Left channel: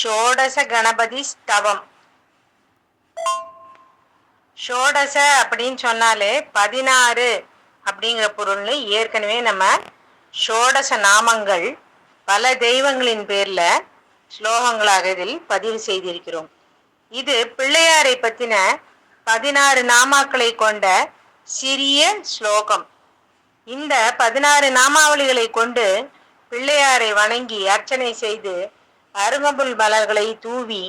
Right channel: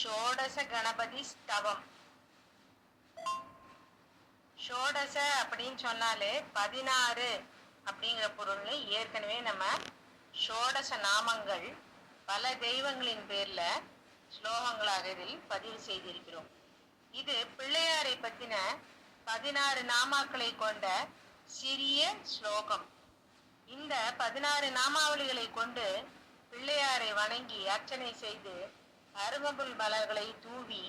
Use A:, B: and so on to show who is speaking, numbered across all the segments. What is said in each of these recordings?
A: ஷோடச கணபதி ஸ்தவம் ஷோடச அப்படின்னு சொன்னாலே பதினாறு அப்படிங்கிற பொருள்னு ஏற்கனவே நம்ம ஷோடச நாமங்கள் பல தெய்வங்களின் பேர்ல ஸ்லோகங்களாக இதில் பதிவு செய்திருக்கிறோம். இது பிள்ளையாரை பத்தின பதினாறு நாமாக்களை கொண்ட சிறிய ஸ்லோகம். இந்த பதினாறு நாமாவளிகளை கொண்டு பிள்ளையாரை வணங்கி அர்ச்சனை செய்து அருகம்புல் மலர்களை தூவி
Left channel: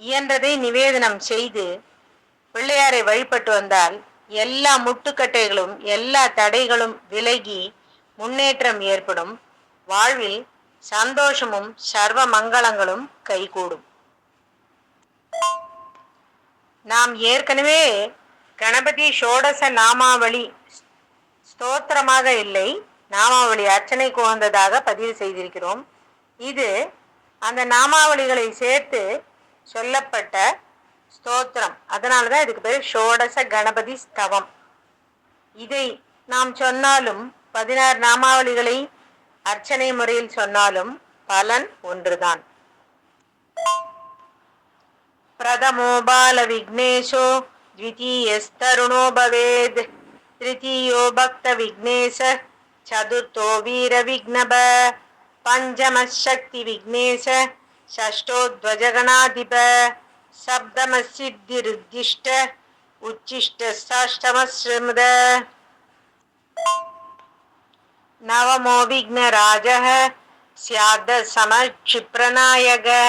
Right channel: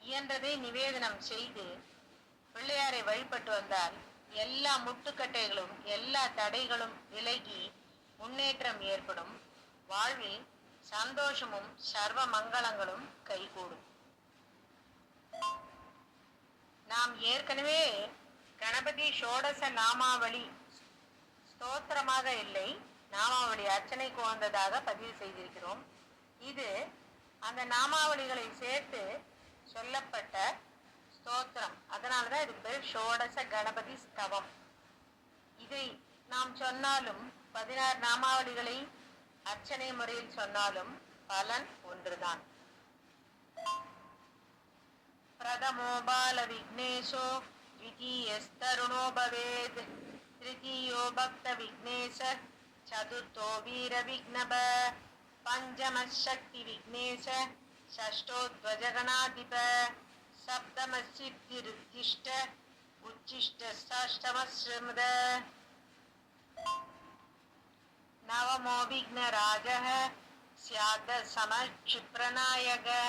A: இயன்றதை நிவேதனம் செய்து பிள்ளையாரை வழிபட்டு வந்தால் எல்லா முட்டுக்கட்டைகளும் எல்லா தடைகளும் விலகி முன்னேற்றம் ஏற்படும். வாழ்வில் சந்தோஷமும் சர்வ மங்களங்களும் கைகூடும். நாம் ஏற்கனவே கணபதி ஷோடச நாமாவளி ஸ்தோத்திரமாக இல்லை. நாமாவளி அர்ச்சனைக்கு உகந்ததாக பதிவு செய்திருக்கிறோம். இது அந்த நாமாவளிகளை சேர்த்து சொல்லப்பட்ட ஸ்தோத்திரம் அதனால தான் இதுக்கு பேர் ஷோடச கணபதி ஸ்தவம் இதை நாம் சொன்னாலும் பதினாறு நாமாவளிகளை அர்ச்சனை முறையில் சொன்னாலும் பலன் ஒன்றுதான் प्रथमो बालविघ्नेशो द्वितीयस्तरुणो भवेद् तृतीयो भक्तविघ्नेश चतुर्थो वीरविघ्नभ पञ्चमशक्तिविघ्नेश षष्ठोध्वजगणाधिप सप्तमसिद्धिरुद्दिष्ट उच्छिष्टष्टमश्रमद नवमो विघ्नराजः स्यादसमक्षिप्रनायकः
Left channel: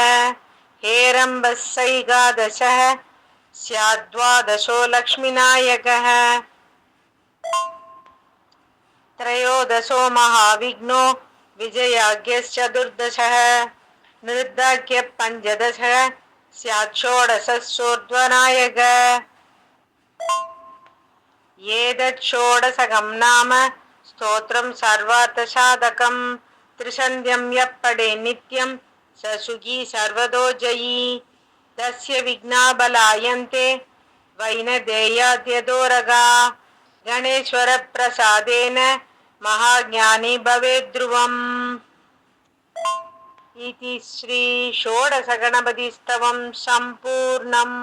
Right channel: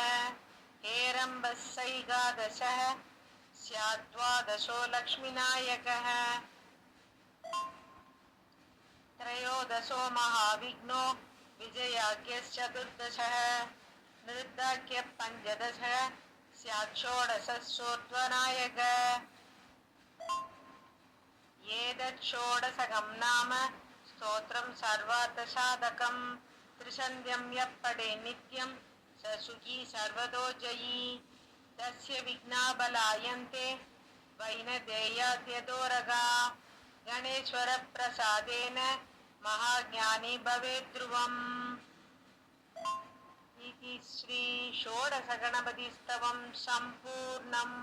A: हेरम्बः सैकादशः स्याद्वादशो लक्ष्मीनायकः त्रयोदशो महाविघ्नो विजयाज्ञश्चतुर्दशः नृद्धाख्यः पञ्चदशः एतत् षोडशकं नाम स्तोत्रं सर्वार्थसाधकं, त्रिसन्ध्यं यः पडे नित्यं स सुखी सर्वतो जयी तस्य विघ्नाबलायन्ते वैनदेयाद्यदोरगा, गणेश्वरप्रसादेन महाज्ञानी भवेद्ध्रुवम् इति श्रीषोडशगणपतिस्तवं सम्पूर्णम्